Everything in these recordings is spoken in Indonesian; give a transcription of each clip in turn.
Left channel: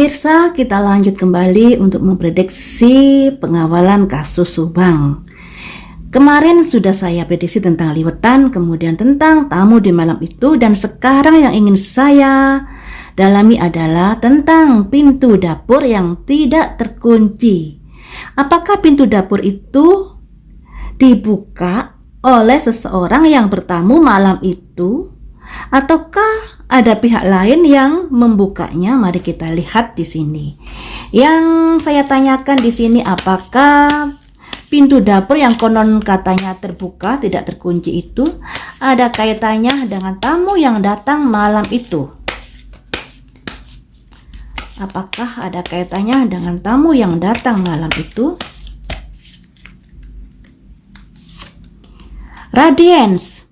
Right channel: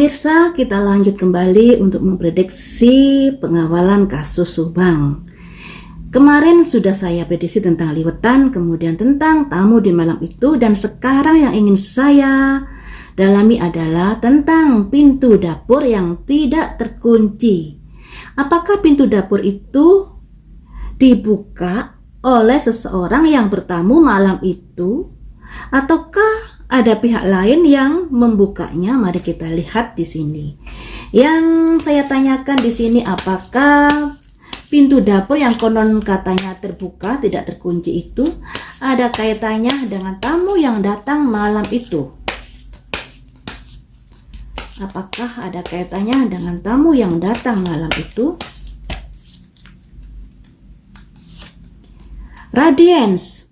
Pemirsa, kita lanjut kembali untuk memprediksi pengawalan kasus Subang. Kemarin sudah saya prediksi tentang liwetan, kemudian tentang tamu di malam itu, dan sekarang yang ingin saya dalami adalah tentang pintu dapur yang tidak terkunci. Apakah pintu dapur itu dibuka oleh seseorang yang bertamu malam itu, ataukah ada pihak lain yang membukanya? Mari kita lihat di sini. Yang saya tanyakan di sini, apakah pintu dapur yang konon katanya terbuka, tidak terkunci itu ada kaitannya dengan tamu yang datang malam itu? Apakah ada kaitannya dengan tamu yang datang malam itu? Radiance.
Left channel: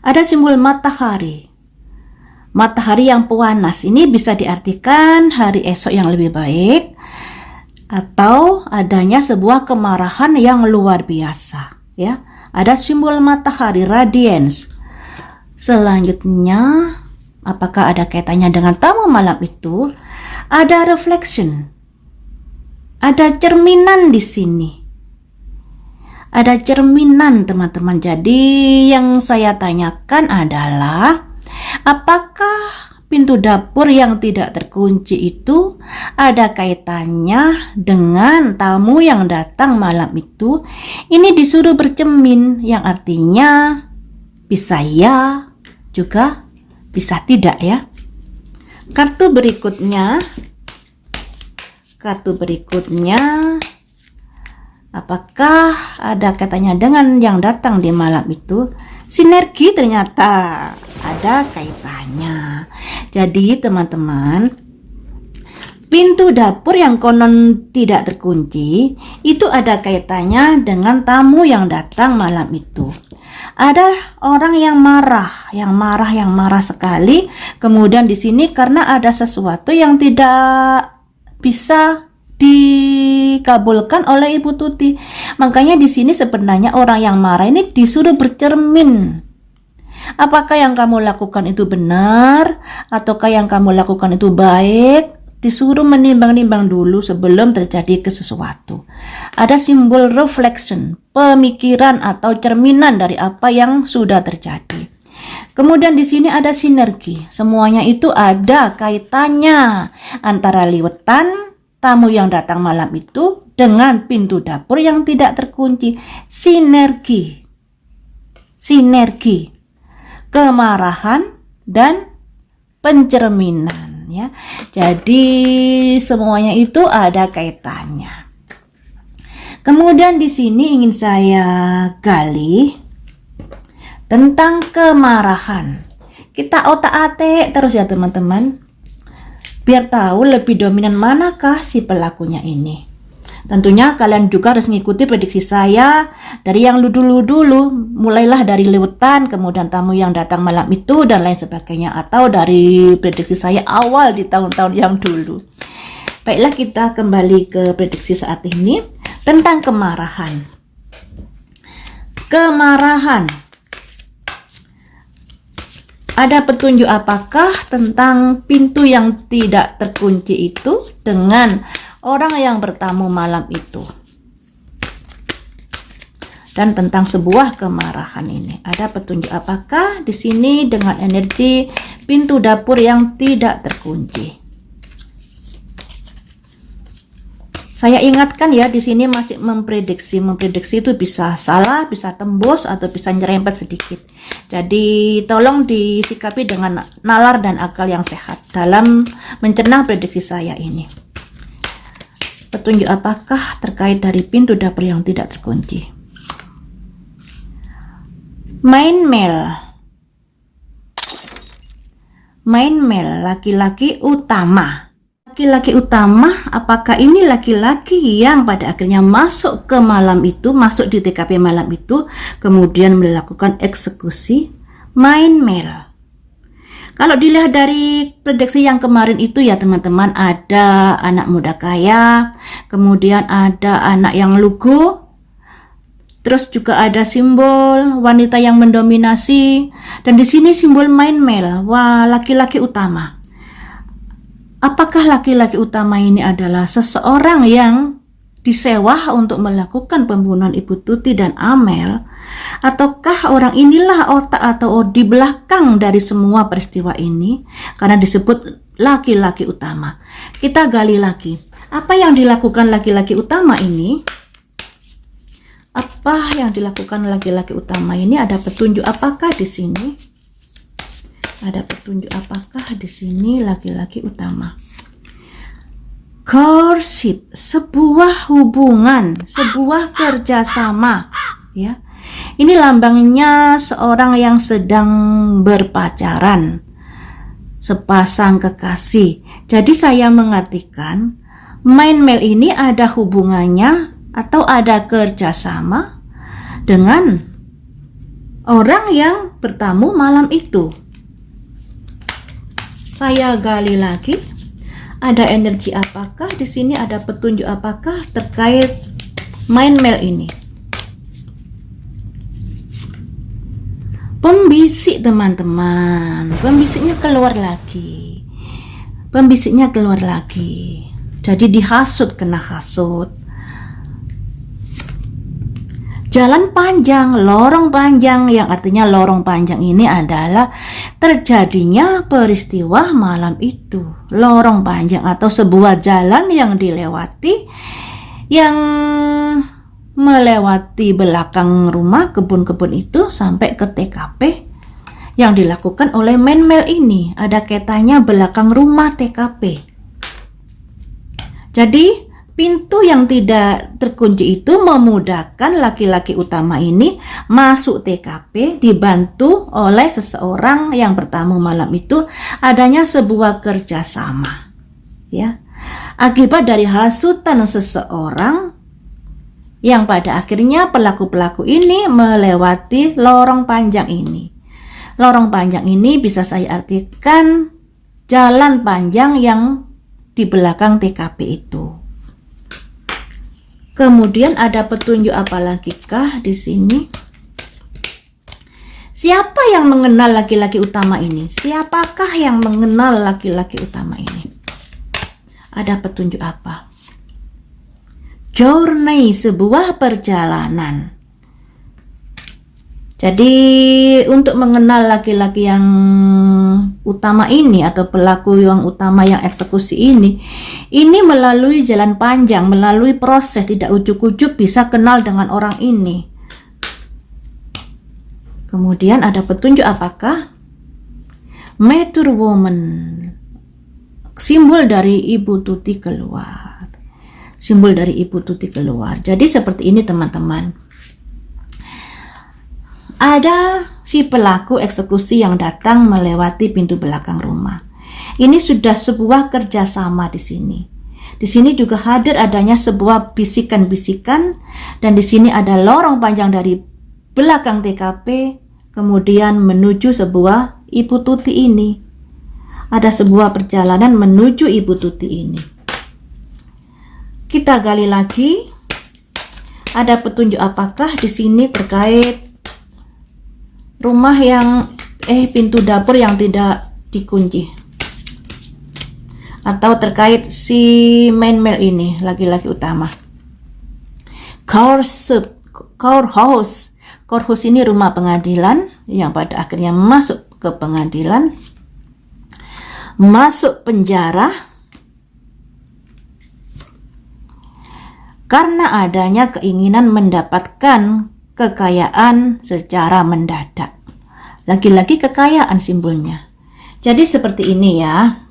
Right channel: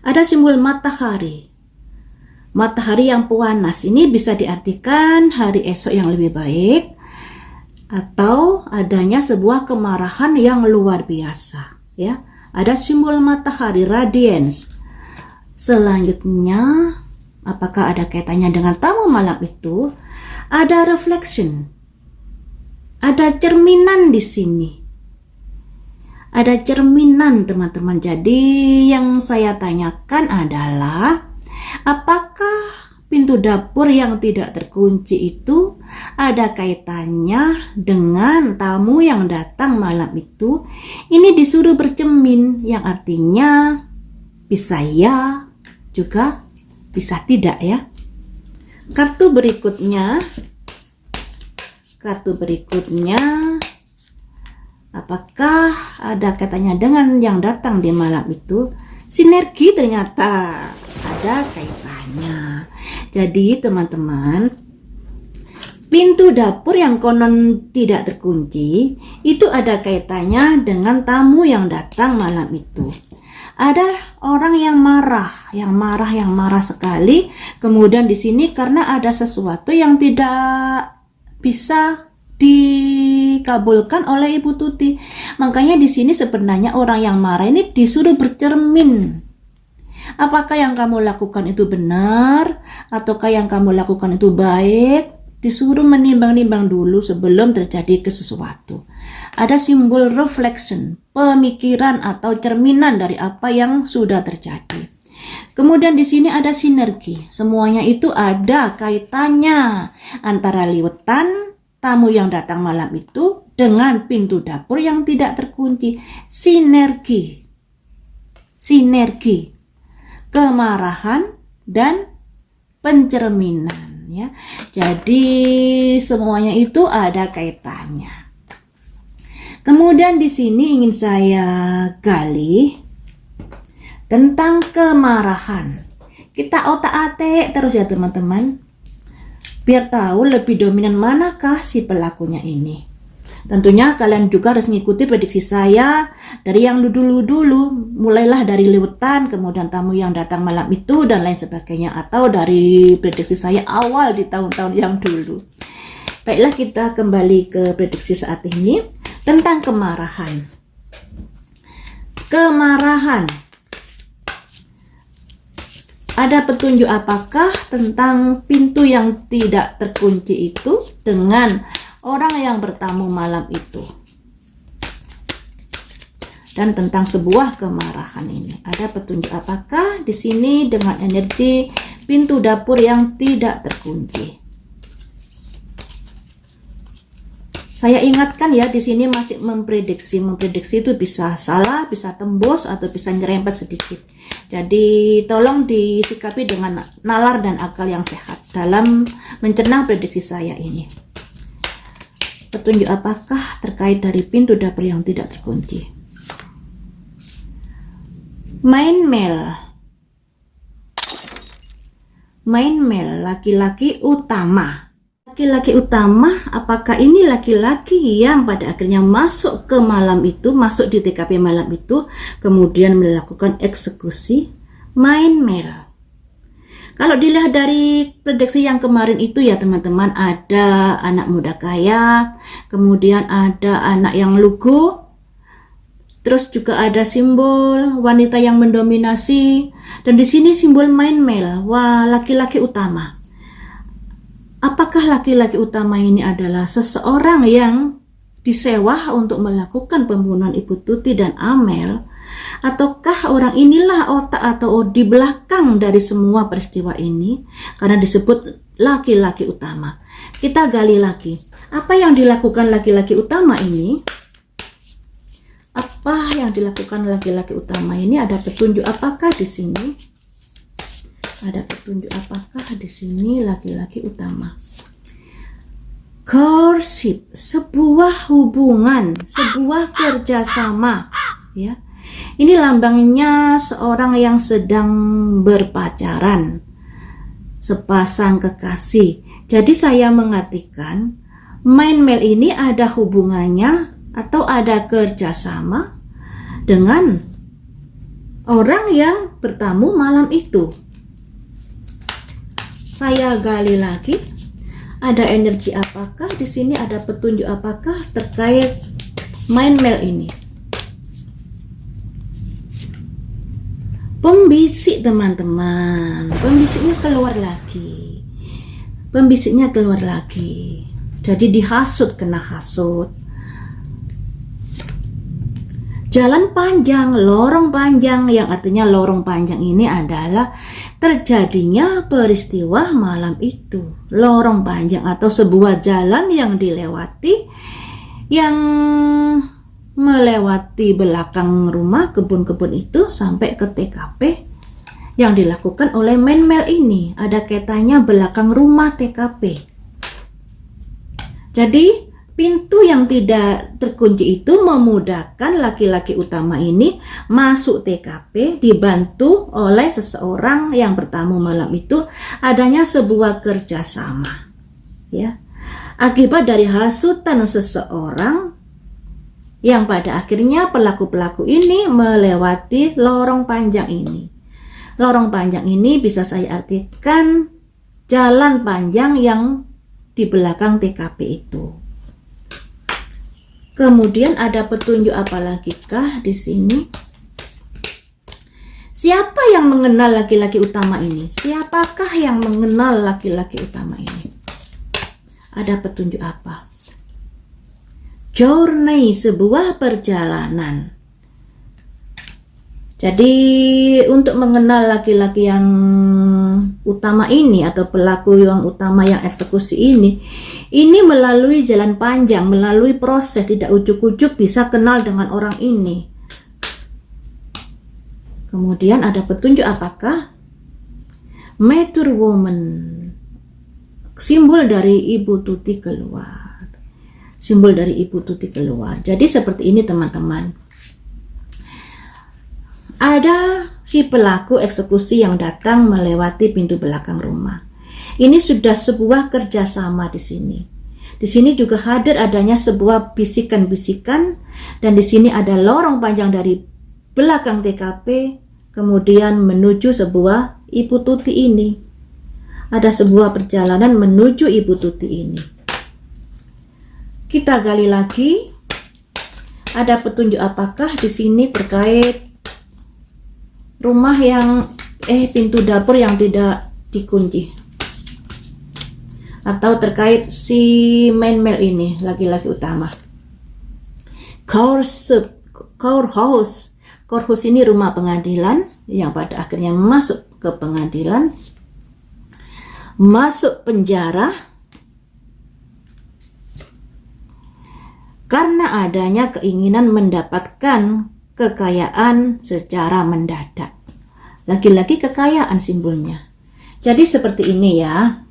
Ada simbol matahari. Matahari yang panas ini bisa diartikan hari esok yang lebih baik atau adanya sebuah kemarahan yang luar biasa, ya. Ada simbol matahari, radiance. Selanjutnya, apakah ada kaitannya dengan tamu malam itu? Ada reflection. Ada cerminan di sini. Ada cerminan, teman-teman. Jadi yang saya tanyakan adalah, apakah pintu dapur yang tidak terkunci itu ada kaitannya dengan tamu yang datang malam itu? Ini disuruh bercermin, yang artinya bisa ya, juga bisa tidak, ya. Kartu berikutnya, apakah ada kaitannya dengan yang datang di malam itu? Sinergi, ternyata ada kaitannya. Jadi teman-teman, pintu dapur yang konon tidak terkunci itu ada kaitannya dengan tamu yang datang malam itu. Ada orang yang marah sekali. Kemudian di sini karena ada sesuatu yang tidak bisa dikabulkan oleh Ibu Tuti. Makanya di sini sebenarnya orang yang marah ini disuruh bercermin. Apakah yang kamu lakukan itu benar, ataukah yang kamu lakukan itu baik? Disuruh menimbang-nimbang dulu sebelum terjadi ke sesuatu. Ada simbol reflection, pemikiran atau cerminan dari apa yang sudah terjadi. Kemudian di sini ada sinergi. Semuanya itu ada kaitannya antara liwetan, tamu yang datang malam itu, dengan pintu dapur yang tidak terkunci. Sinergi, kemarahan dan pencerminan, ya. Jadi semuanya itu ada kaitannya. Kemudian di sini ingin saya gali tentang kemarahan. Kita otak-atik terus ya teman-teman, biar tahu lebih dominan manakah si pelakunya ini. Tentunya kalian juga harus mengikuti prediksi saya dari yang dulu, mulailah dari liwetan, kemudian tamu yang datang malam itu, dan lain sebagainya, atau dari prediksi saya awal di tahun-tahun yang dulu. Baiklah, kita kembali ke prediksi saat ini tentang kemarahan. Ada petunjuk apakah tentang pintu yang tidak terkunci itu dengan orang yang bertamu malam itu, dan tentang sebuah kemarahan ini? Ada petunjuk apakah di sini dengan energi pintu dapur yang tidak terkunci? Saya ingatkan ya, di sini masih memprediksi itu bisa salah, bisa tembus, atau bisa nyerempet sedikit. Jadi tolong disikapi dengan nalar dan akal yang sehat dalam mencerna prediksi saya ini. Petunjuk apakah terkait dari pintu dapur yang tidak terkunci? Main male, laki-laki utama. Laki-laki utama, apakah ini laki-laki yang pada akhirnya masuk ke malam itu, masuk di TKP malam itu, kemudian melakukan eksekusi? Main male. Kalau dilihat dari prediksi yang kemarin itu ya teman-teman, ada anak muda kaya, kemudian ada anak yang lugu, terus juga ada simbol wanita yang mendominasi, dan di sini simbol main male, wah, laki-laki utama. Apakah laki-laki utama ini adalah seseorang yang disewa untuk melakukan pembunuhan Ibu Tuti dan Amel, ataukah orang inilah otak atau di belakang dari semua peristiwa ini karena disebut laki-laki utama? Kita gali lagi. Apa yang dilakukan laki-laki utama ini? Apa yang dilakukan laki-laki utama ini? Ada petunjuk apakah di sini? Ada petunjuk apakah di sini laki-laki utama? Courtship, sebuah hubungan, sebuah kerjasama, ya. Ini lambangnya seorang yang sedang berpacaran, sepasang kekasih. Jadi saya mengartikan main mail ini ada hubungannya atau ada kerjasama dengan orang yang bertamu malam itu. Saya gali lagi. Ada energi apakah di sini? Ada petunjuk apakah terkait main mail ini? Pembisik, teman-teman. Pembisiknya keluar lagi. Pembisiknya keluar lagi. Jadi dihasut, kena hasut. Jalan panjang, lorong panjang, yang artinya lorong panjang ini adalah terjadinya peristiwa malam itu. Lorong panjang atau sebuah jalan yang dilewati, yang melewati belakang rumah kebun-kebun itu sampai ke TKP yang dilakukan oleh main mail ini. Ada kaitannya belakang rumah TKP. Jadi pintu yang tidak terkunci itu memudahkan laki-laki utama ini masuk TKP, dibantu oleh seseorang yang bertamu malam itu. Adanya sebuah kerjasama, ya, akibat dari hasutan seseorang yang pada akhirnya pelaku-pelaku ini melewati lorong panjang ini. Lorong panjang ini bisa saya artikan jalan panjang yang di belakang TKP itu. Kemudian ada petunjuk apa lagi kah di sini? Siapa yang mengenal laki-laki utama ini? Siapakah yang mengenal laki-laki utama ini? Ada petunjuk apa? Journey, sebuah perjalanan. Jadi untuk mengenal laki-laki yang utama ini atau pelaku yang utama yang eksekusi ini melalui jalan panjang, melalui proses, tidak ujuk-ujuk bisa kenal dengan orang ini. Kemudian ada petunjuk apakah? Mature woman, simbol dari Ibu Tuti keluar. Simbol dari Ibu Tuti keluar. Jadi seperti ini teman-teman. Ada si pelaku eksekusi yang datang melewati pintu belakang rumah. Ini sudah sebuah kerjasama di sini. Di sini juga hadir adanya sebuah bisikan-bisikan, dan di sini ada lorong panjang dari belakang TKP kemudian menuju sebuah Ibu Tuti ini. Ada sebuah perjalanan menuju Ibu Tuti ini. Kita gali lagi. Ada petunjuk apakah di sini terkait rumah yang pintu dapur yang tidak dikunci, atau terkait si main mail ini laki-laki utama. Courthouse ini rumah pengadilan yang pada akhirnya masuk ke pengadilan, masuk penjara karena adanya keinginan mendapatkan kekayaan secara mendadak. Lagi-lagi kekayaan simbolnya. Jadi seperti ini ya.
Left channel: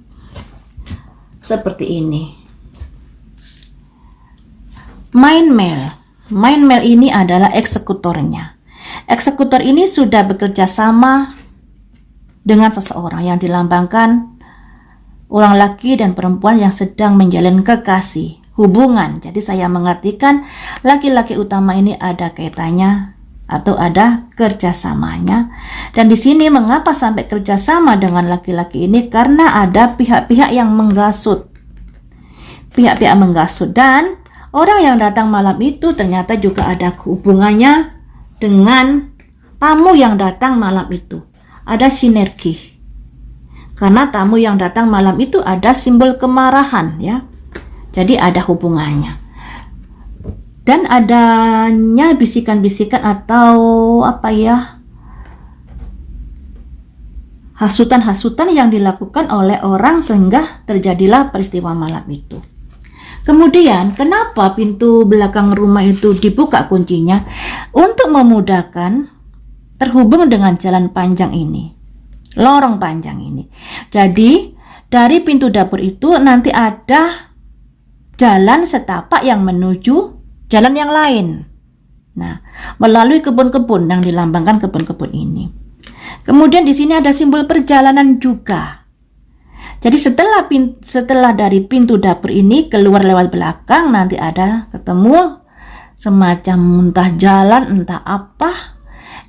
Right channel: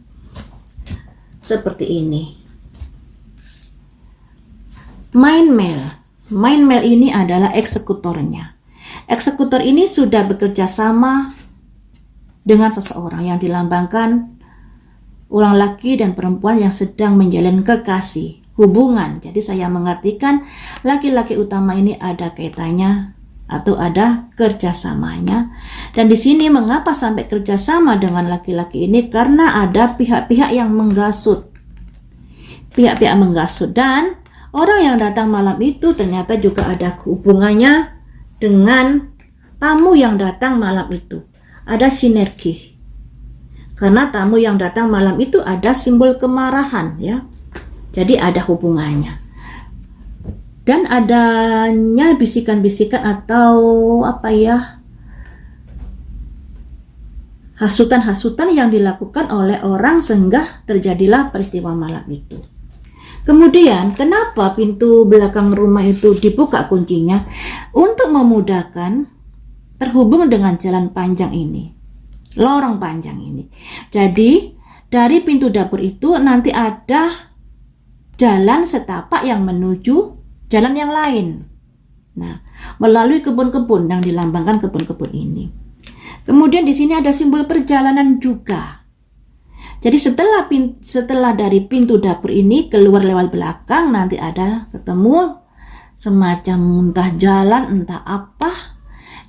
Seperti ini. Main mail ini adalah eksekutornya. Eksekutor ini sudah bekerja sama dengan seseorang yang dilambangkan orang laki dan perempuan yang sedang menjalin kekasih, hubungan. Jadi saya mengartikan laki-laki utama ini ada kaitannya atau ada kerjasamanya. Dan di sini mengapa sampai kerjasama dengan laki-laki ini? Karena ada pihak-pihak yang menggasut. Pihak-pihak menggasut, dan orang yang datang malam itu ternyata juga ada hubungannya dengan tamu yang datang malam itu. Ada sinergi. Karena tamu yang datang malam itu ada simbol kemarahan ya. Jadi ada hubungannya. Dan adanya bisikan-bisikan atau hasutan-hasutan yang dilakukan oleh orang sehingga terjadilah peristiwa malam itu. Kemudian kenapa pintu belakang rumah itu dibuka kuncinya? Untuk memudahkan terhubung dengan jalan panjang ini, lorong panjang ini. Jadi dari pintu dapur itu nanti ada jalan setapak yang menuju jalan yang lain. Nah, melalui kebun-kebun yang dilambangkan kebun-kebun ini. Kemudian di sini ada simbol perjalanan juga. Jadi setelah dari pintu dapur ini keluar lewat belakang, nanti ada ketemu semacam entah jalan entah apa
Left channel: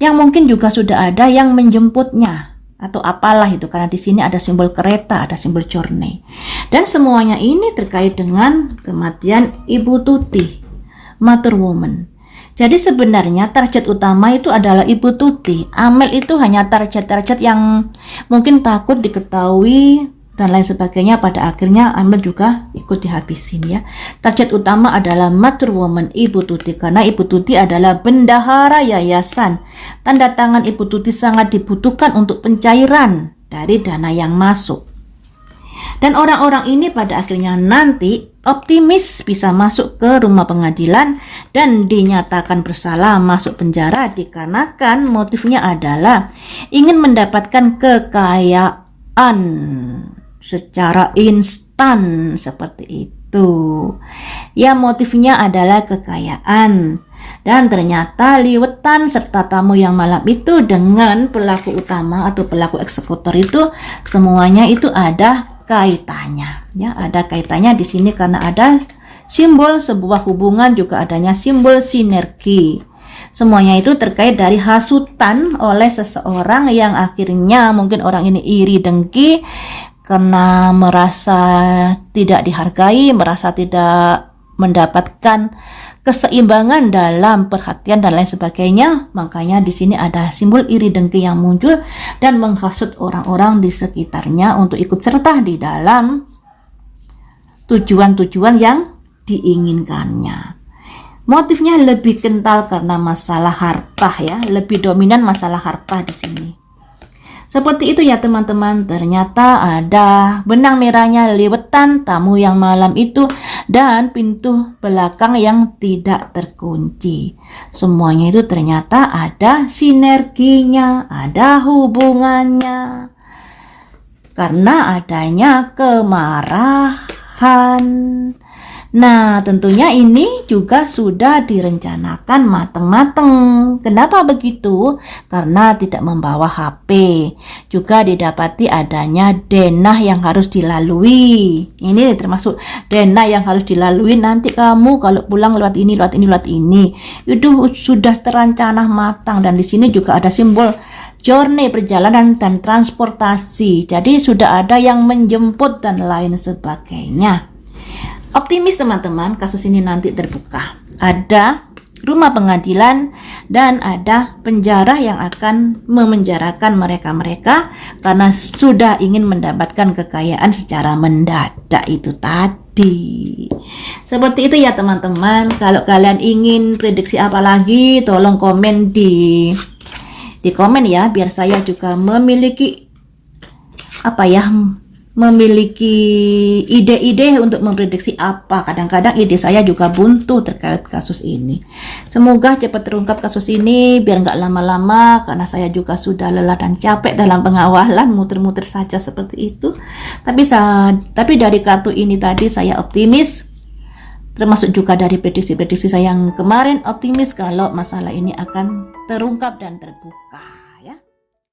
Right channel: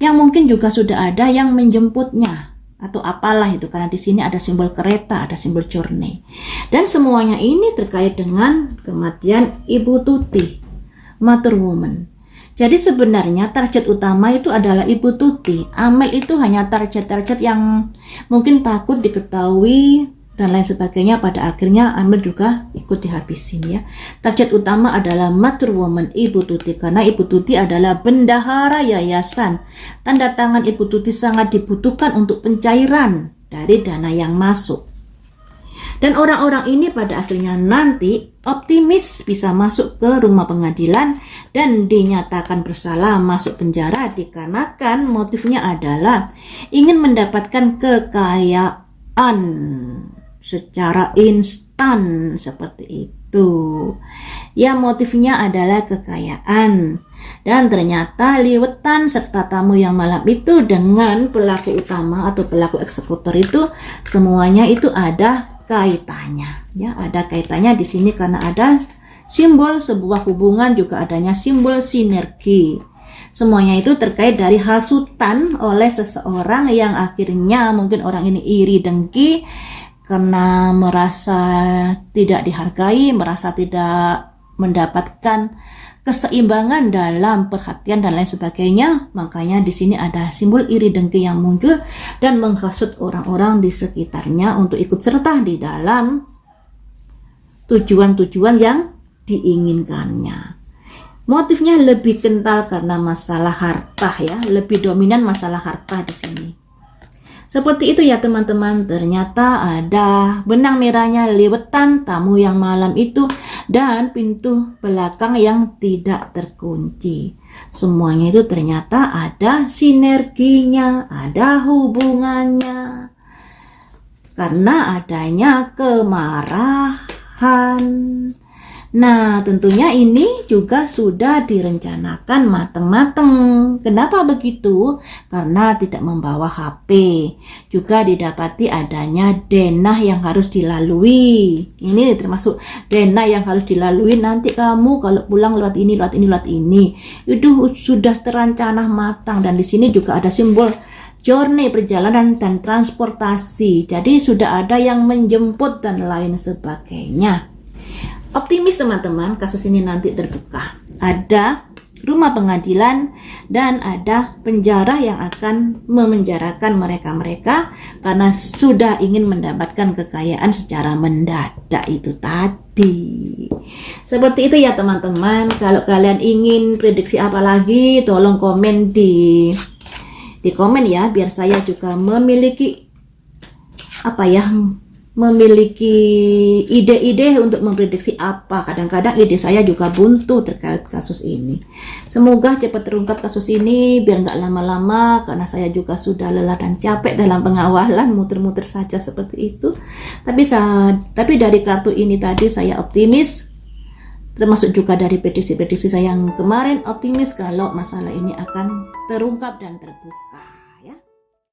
yang mungkin juga sudah ada yang menjemputnya atau apalah itu, karena di sini ada simbol kereta, ada simbol journey. Dan semuanya ini terkait dengan kematian Ibu Tuti, Mother Woman. Jadi sebenarnya target utama itu adalah Ibu Tuti. Amel itu hanya target-target yang mungkin takut diketahui dan lain sebagainya. Pada akhirnya Amel juga ikut dihabisin ya. Target utama adalah Mother Woman, Ibu Tuti, karena Ibu Tuti adalah bendahara yayasan. Tanda tangan Ibu Tuti sangat dibutuhkan untuk pencairan dari dana yang masuk. Dan orang-orang ini pada akhirnya nanti optimis bisa masuk ke rumah pengadilan dan dinyatakan bersalah masuk penjara dikarenakan motifnya adalah ingin mendapatkan kekayaan secara instan seperti itu. Ya, motifnya adalah kekayaan. Dan ternyata liwetan serta tamu yang malam itu dengan pelaku utama atau pelaku eksekutor itu semuanya itu ada kaitannya. Ya, ada kaitannya di sini karena ada simbol sebuah hubungan, juga adanya simbol sinergi. Semuanya itu terkait dari hasutan oleh seseorang yang akhirnya mungkin orang ini iri dengki karena merasa tidak dihargai, merasa tidak mendapatkan keseimbangan dalam perhatian dan lain sebagainya. Makanya di sini ada simbol iri dengki yang muncul dan menghasut orang-orang di sekitarnya untuk ikut serta di dalam tujuan-tujuan yang diinginkannya. Motifnya lebih kental karena masalah harta ya, lebih dominan masalah harta di sini. Seperti itu ya teman-teman, ternyata ada benang merahnya liwetan tamu yang malam itu dan pintu belakang yang tidak terkunci. Semuanya itu ternyata ada sinerginya, ada hubungannya. Karena adanya kemarahan. Nah, tentunya ini juga sudah direncanakan matang-matang. Kenapa begitu? Karena tidak membawa HP. Juga didapati adanya denah yang harus dilalui. Ini termasuk denah yang harus dilalui. Nanti kamu kalau pulang lewat ini, lewat ini, lewat ini. Itu sudah terancana matang. Dan di sini juga ada simbol journey, perjalanan dan transportasi. Jadi sudah ada yang menjemput dan lain sebagainya. Optimis teman-teman, kasus ini nanti terbuka. Ada rumah pengadilan dan ada penjara yang akan memenjarakan mereka-mereka karena sudah ingin mendapatkan kekayaan secara mendadak itu tadi. Seperti itu ya teman-teman. Kalau kalian ingin prediksi apa lagi, tolong komen di komen ya, biar saya juga memiliki memiliki ide-ide untuk memprediksi apa. Kadang-kadang ide saya juga buntu terkait kasus ini. Semoga cepat terungkap kasus ini biar nggak lama-lama, karena saya juga sudah lelah dan capek dalam pengawalan, muter-muter saja seperti itu. Tapi dari kartu ini tadi saya optimis, termasuk juga dari prediksi-prediksi saya yang kemarin optimis kalau masalah ini akan terungkap dan terbuka.